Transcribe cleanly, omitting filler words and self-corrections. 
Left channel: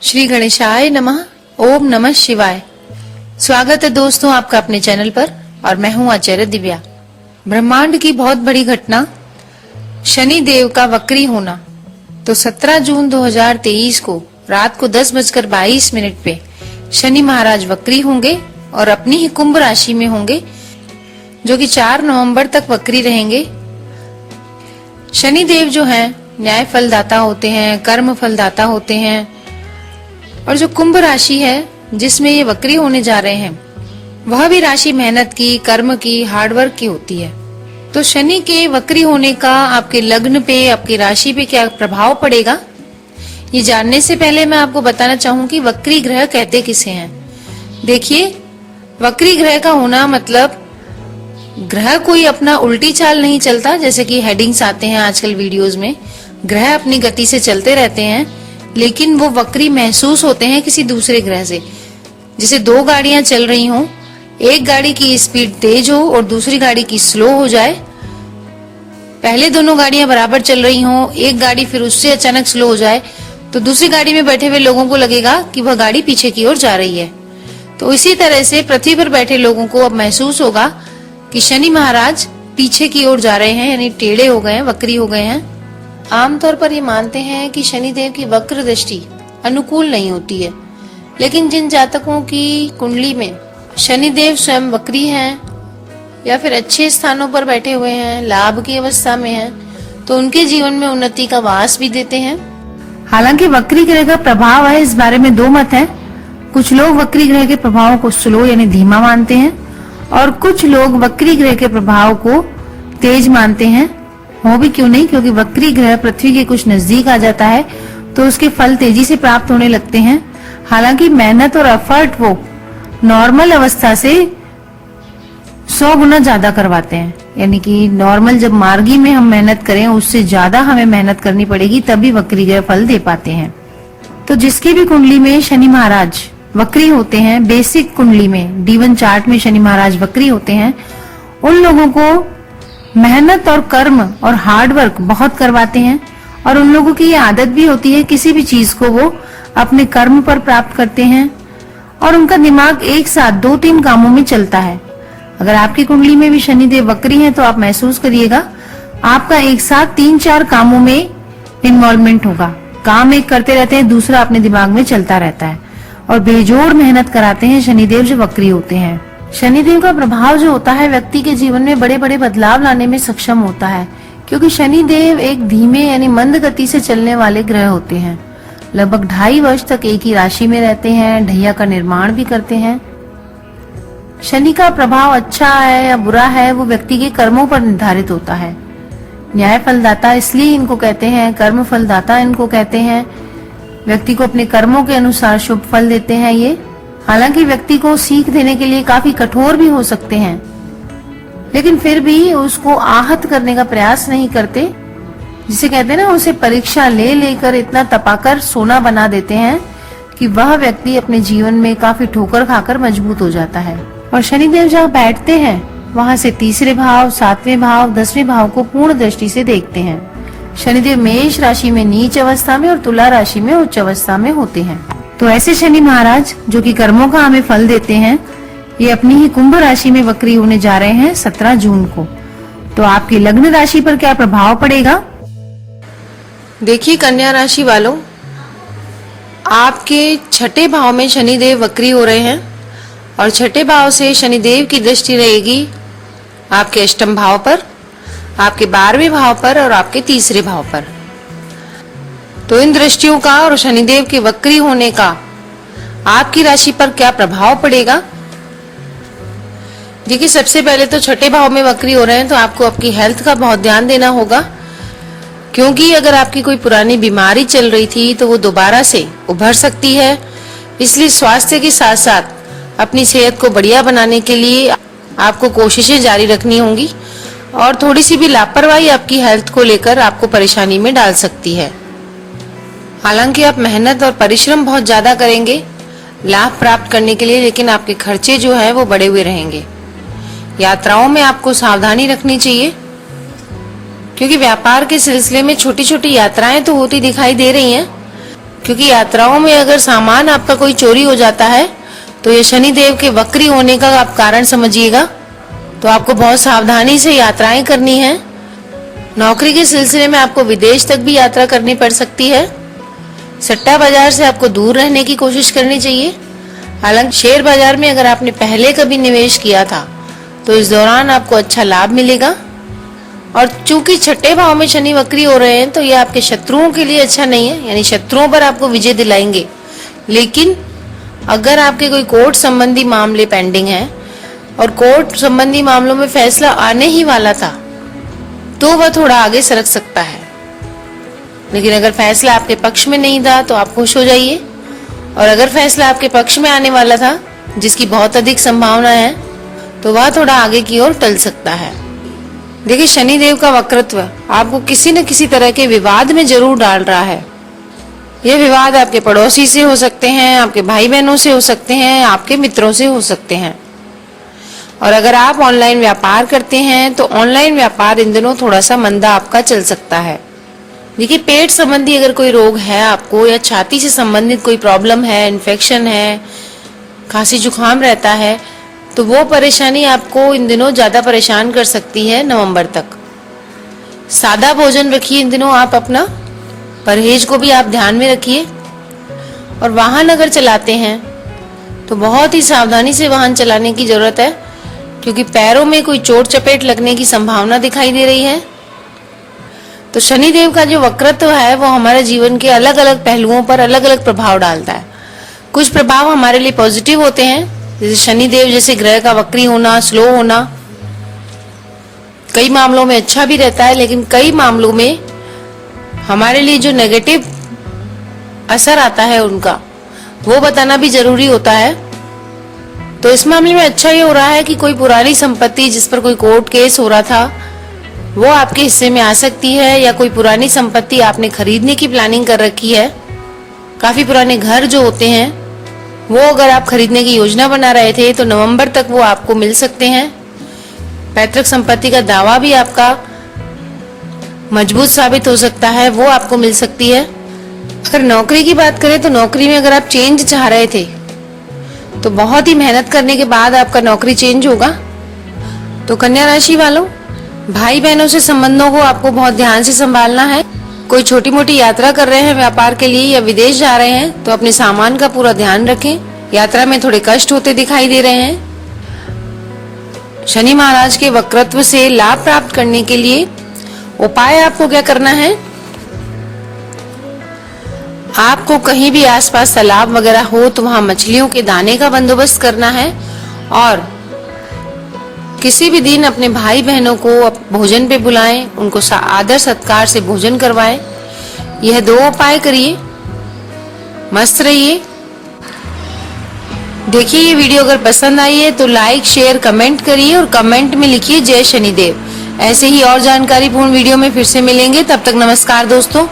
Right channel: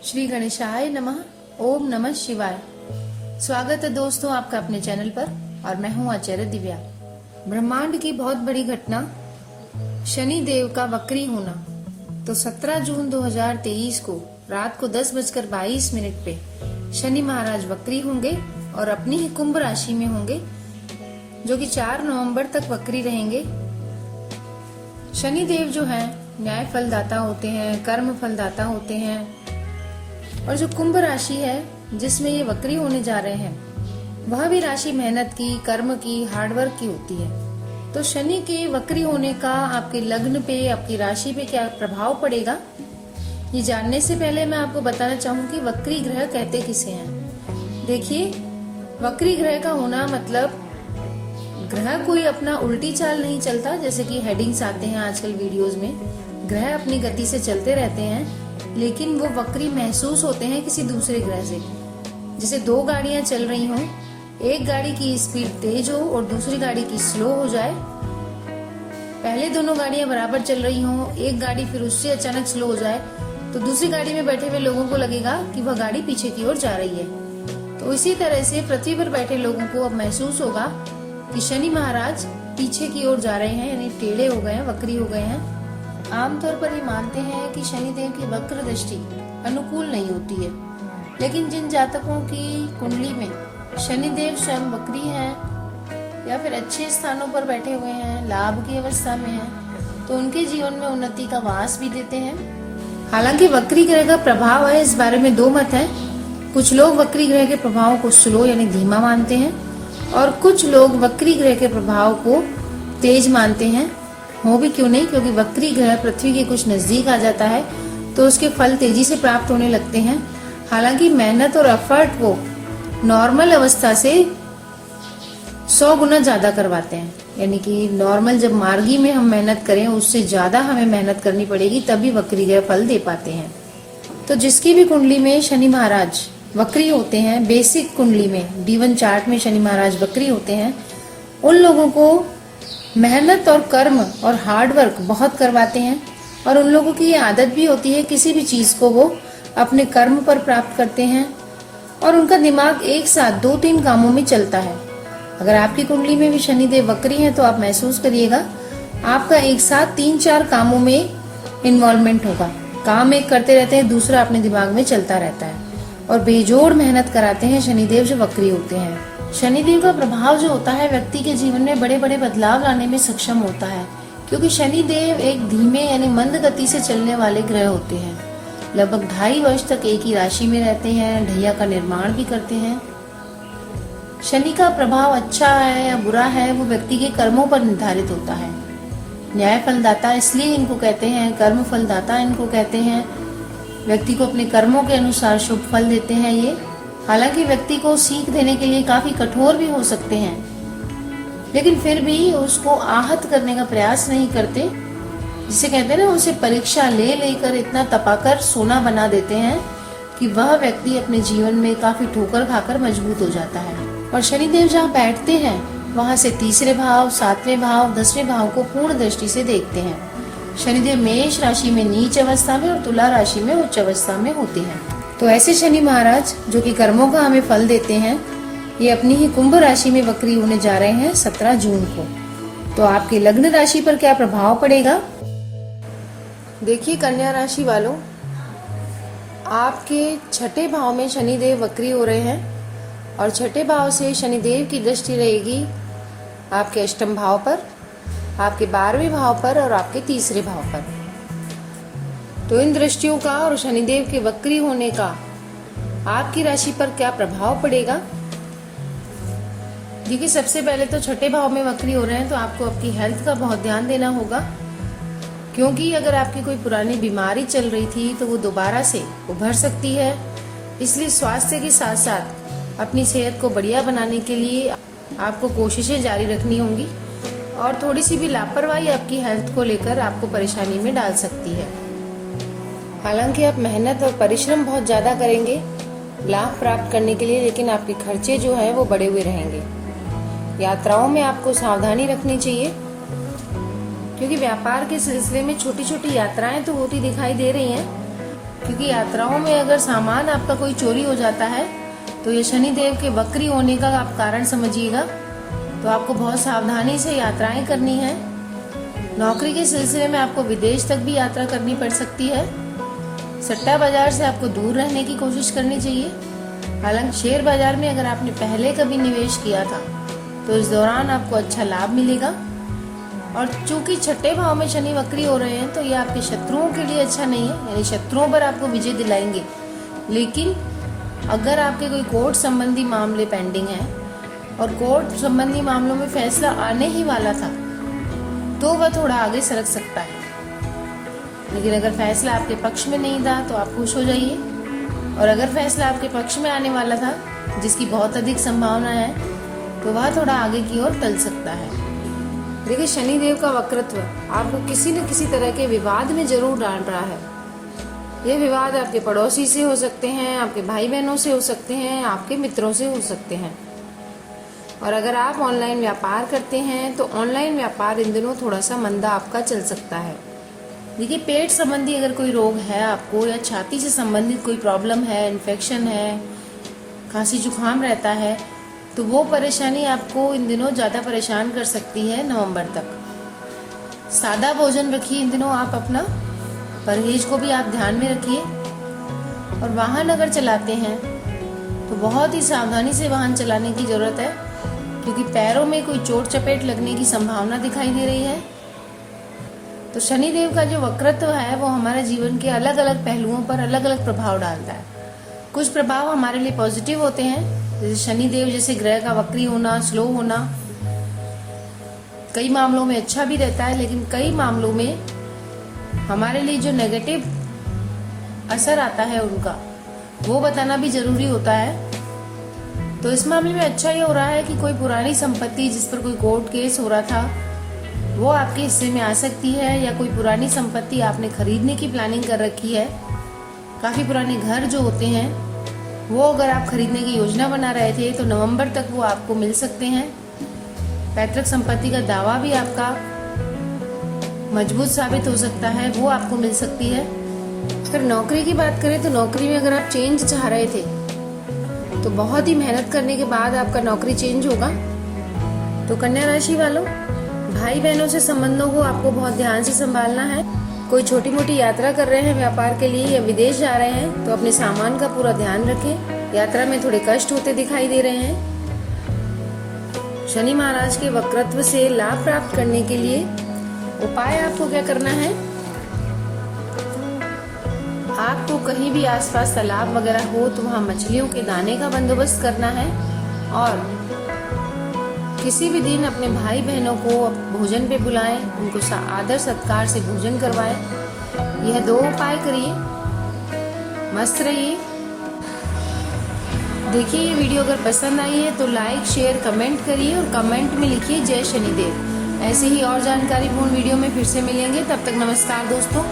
श्री गणेशाय नमः। ओम नमः शिवाय। स्वागत है दोस्तों आपका अपने चैनल पर और मैं हूं आचार्य दिव्या। ब्रह्मांड की बहुत बड़ी घटना शनि देव का वक्री होना। तो 17 जून 2023 को रात को 10:22 पे शनि महाराज वक्री होंगे और अपनी ही कुंभ राशि में होंगे, जो कि 4 नवंबर तक वक्री रहेंगे। शनि देव जो हैं न्याय फलदाता होते हैं, कर्म फलदाता होते हैं, और जो कुंभ राशि है जिसमें ये वक्री होने जा रहे हैं वह भी राशि मेहनत की, कर्म की, हार्डवर्क की होती है। तो शनि के वक्री होने का आपके लग्न पे, आपकी राशि पे क्या प्रभाव पड़ेगा, ये जानने से पहले मैं आपको बताना चाहूंगी वक्री ग्रह कहते किसे हैं। देखिए, वक्री ग्रह का होना मतलब ग्रह कोई अपना उल्टी चाल नहीं चलता, जैसे कि हेडिंग्स आते हैं आजकल वीडियोस में। ग्रह अपनी गति से चलते रहते हैं, लेकिन वो वक्री महसूस होते हैं किसी दूसरे ग्रह से। जैसे 2 गाड़ियां चल रही हों, एक गाड़ी की स्पीड तेज हो और दूसरी गाड़ी की स्लो हो जाए। पहले दोनों गाड़ियां बराबर चल रही हों, एक गाड़ी फिर उससे अचानक स्लो हो जाए, तो दूसरी गाड़ी में बैठे हुए लोगों को लगेगा कि वह गाड़ी पीछे की ओर जा रही है। तो इसी तरह से पृथ्वी पर बैठे लोगों को अब महसूस होगा कि शनि महाराज पीछे की ओर जा रहे हैं, यानी टेढ़े हो गए हैं, वक्री हो गए हैं। आमतौर पर ये मानते हैं कि शनि देव की वक्र दृष्टि अनुकूल नहीं होती है, लेकिन जिन जातकों की कुंडली में शनि देव स्वयं वक्री हैं या फिर अच्छे स्थानों पर बैठे हुए हैं, लाभ की अवस्था में हैं, तो उनके जीवन में उन्नति का वास भी देते हैं। हालांकि वक्री ग्रह का प्रभाव है, इस बारे में 2 मत है। कुछ लोग वक्री ग्रह के प्रभाव को स्लो यानी धीमा मानते हैं और कुछ लोग वक्री ग्रह के प्रभाव को तेज मानते हैं। हो भी क्यों नहीं, क्योंकि वक्री ग्रह पृथ्वी के कुछ नजदीक आ जाता है तो उसके फल तेजी से प्राप्त होने लगते हैं। हालांकि मेहनत और एफर्ट वो नॉर्मल अवस्था से 100 गुना ज्यादा करवाते हैं, यानी कि नॉर्मल जब मार्गी में हम मेहनत करें उससे ज्यादा हमें मेहनत करनी पड़ेगी, तभी वक्री ग्रह फल दे पाते हैं। तो जिसकी भी कुंडली में शनि महाराज वक्री होते हैं, बेसिक कुंडली में D1 चार्ट में शनि महाराज वक्री होते हैं, उन लोगों को मेहनत और कर्म और हार्ड वर्क बहुत करवाते हैं। और उन लोगों की ये आदत भी होती है, किसी भी चीज को वो अपने कर्म पर प्राप्त करते हैं और उनका दिमाग एक साथ 2-3 कामों में चलता है। अगर आपकी कुंडली में भी शनिदेव वक्री हैं तो आप महसूस करिएगा आपका एक साथ 3-4 कामों में इन्वॉल्वमेंट होगा। काम एक करते रहते हैं, दूसरा अपने दिमाग में चलता रहता है और बेजोड़ मेहनत कराते हैं शनिदेव जो वक्री होते हैं। शनिदेव का प्रभाव जो होता है व्यक्ति के जीवन में बड़े बड़े बदलाव लाने में सक्षम होता है, क्योंकि शनिदेव एक धीमे यानी मंद गति से चलने वाले ग्रह होते हैं। लगभग 2.5 वर्ष तक एक ही राशि में रहते हैं, ढैया का निर्माण भी करते हैं। शनि का प्रभाव अच्छा है या बुरा है वो व्यक्ति के कर्मों पर निर्धारित होता है। न्याय फलदाता इसलिए इनको कहते हैं, कर्म फलदाता इनको कहते हैं। व्यक्ति को अपने कर्मों के अनुसार शुभ फल देते हैं ये। हालांकि व्यक्ति को सीख देने के लिए काफी कठोर भी हो सकते हैं, लेकिन फिर भी उसको आहत करने का प्रयास नहीं करते। जिसे कहते हैं ना, उसे परीक्षा ले लेकर इतना तपाकर सोना बना देते हैं कि वह व्यक्ति अपने जीवन में काफी ठोकर खाकर मजबूत हो जाता है। और शनिदेव जहाँ बैठते हैं वहां से 3रे भाव, 7वें भाव, 10वें भाव को पूर्ण दृष्टि से देखते हैं। शनिदेव मेष राशि में नीच अवस्था में और तुला राशि में उच्च अवस्था में होते हैं। तो ऐसे शनि महाराज जो कि कर्मों का हमें फल देते हैं, ये अपनी ही कुंभ राशि में वक्री होने जा रहे हैं 17 जून को। तो आपकी लग्न राशि पर क्या प्रभाव पड़ेगा? देखिए कन्या राशि वालों, आपके 6ठे भाव में शनिदेव वक्री हो रहे हैं और 6ठे भाव से शनिदेव की दृष्टि रहेगी आपके 8म भाव पर, आपके 12वें भाव पर और आपके 3रे भाव पर। तो इन दृष्टियों का और शनिदेव के वक्री होने का आपकी राशि पर क्या प्रभाव पड़ेगा? देखिए, सबसे पहले तो 6ठे भाव में वक्री हो रहे हैं तो आपको आपकी हेल्थ का बहुत ध्यान देना होगा, क्योंकि अगर आपकी कोई पुरानी बीमारी चल रही थी तो वो दोबारा से उभर सकती है। इसलिए स्वास्थ्य के साथ साथ अपनी सेहत को बढ़िया बनाने के लिए आपको कोशिशें जारी रखनी होंगी और थोड़ी सी भी लापरवाही आपकी हेल्थ को लेकर आपको परेशानी में डाल सकती है। हालांकि आप मेहनत और परिश्रम बहुत ज्यादा करेंगे लाभ प्राप्त करने के लिए, लेकिन आपके खर्चे जो है वो बढ़े हुए रहेंगे। यात्राओं में आपको सावधानी रखनी चाहिए, क्योंकि व्यापार के सिलसिले में छोटी छोटी यात्राएं तो होती दिखाई दे रही हैं, क्योंकि यात्राओं में अगर सामान आपका कोई चोरी हो जाता है तो ये शनि देव के वक्री होने का आप कारण समझिएगा। तो आपको बहुत सावधानी से यात्राएं करनी है। नौकरी के सिलसिले में आपको विदेश तक भी यात्रा करनी पड़ सकती है। सट्टा बाजार से आपको दूर रहने की कोशिश करनी चाहिए। हालांकि शेयर बाजार में अगर आपने पहले कभी निवेश किया था तो इस दौरान आपको अच्छा लाभ मिलेगा। और चूंकि छठे भाव में शनि वक्री हो रहे हैं तो ये आपके शत्रुओं के लिए अच्छा नहीं है, यानी शत्रुओं पर आपको विजय दिलाएंगे। लेकिन अगर आपके कोई कोर्ट संबंधी मामले पेंडिंग हैं और कोर्ट संबंधी मामलों में फैसला आने ही वाला था तो वह थोड़ा आगे सरक सकता है। लेकिन अगर फैसला आपके पक्ष में नहीं था तो आप खुश हो जाइए, और अगर फैसला आपके पक्ष में आने वाला था जिसकी बहुत अधिक संभावना है तो वह थोड़ा आगे की ओर टल सकता है। देखिए, शनि देव का वक्रत्व आपको किसी न किसी तरह के विवाद में जरूर डाल रहा है। यह विवाद आपके पड़ोसी से हो सकते हैं, आपके भाई बहनों से हो सकते हैं, आपके मित्रों से हो सकते हैं। और अगर आप ऑनलाइन व्यापार करते हैं तो ऑनलाइन व्यापार इन दिनों थोड़ा सा मंदा आपका चल सकता है। देखिए, पेट संबंधी अगर कोई रोग है आपको, या छाती से संबंधित कोई प्रॉब्लम है, इन्फेक्शन है, खांसी जुकाम रहता है, तो वो परेशानी आपको इन दिनों ज्यादा परेशान कर सकती है नवंबर तक। सादा भोजन रखिए इन दिनों आप अपना, परहेज को भी आप ध्यान में रखिए। और वाहन अगर चलाते हैं तो बहुत ही सावधानी से वाहन चलाने की जरूरत है, क्योंकि पैरों में कोई चोट चपेट लगने की संभावना दिखाई दे रही है। तो शनि देव का जो वक्रत्व है वो हमारे जीवन के अलग अलग पहलुओं पर अलग अलग प्रभाव डालता है। कुछ प्रभाव हमारे लिए पॉजिटिव होते हैं, जैसे शनि देव जैसे ग्रह का वक्री होना, स्लो होना कई मामलों में अच्छा भी रहता है, लेकिन कई मामलों में हमारे लिए जो नेगेटिव असर आता है उनका वो बताना भी जरूरी होता है। तो इस मामले में अच्छा ये हो रहा है कि कोई पुरानी संपत्ति जिस पर कोई कोर्ट केस हो रहा था वो आपके हिस्से में आ सकती है, या कोई पुरानी संपत्ति आपने खरीदने की प्लानिंग कर रखी है। काफी पुराने घर जो होते हैं वो अगर आप खरीदने की योजना बना रहे थे तो नवंबर तक वो आपको मिल सकते हैं। पैतृक संपत्ति का दावा भी आपका मजबूत साबित हो सकता है, वो आपको मिल सकती है। अगर नौकरी की बात करें तो नौकरी में अगर आप चेंज चाह रहे थे तो बहुत ही मेहनत करने के बाद आपका नौकरी चेंज होगा। तो कन्या राशि वालों, भाई बहनों से संबंधों को आपको बहुत ध्यान से संभालना है। कोई छोटी मोटी यात्रा कर रहे हैं व्यापार के लिए या विदेश जा रहे हैं तो अपने सामान का पूरा ध्यान रखें। यात्रा में थोड़े कष्ट होते दिखाई दे रहे हैं। शनि महाराज के वक्रत्व से लाभ प्राप्त करने के लिए उपाय आपको क्या करना है? आपको कहीं भी आसपास तालाब वगैरह हो तो वहां मछलियों के दाने का बंदोबस्त करना है, और किसी भी दिन अपने भाई बहनों को भोजन पे बुलाएं, उनको आदर सत्कार से भोजन करवाएं। यह 2 उपाय करिए, मस्त रहिए। देखिए, ये वीडियो अगर पसंद आई है तो लाइक शेयर कमेंट करिए, और कमेंट में लिखिए जय शनिदेव। ऐसे ही और जानकारी पूर्ण वीडियो में फिर से मिलेंगे, तब तक नमस्कार दोस्तों।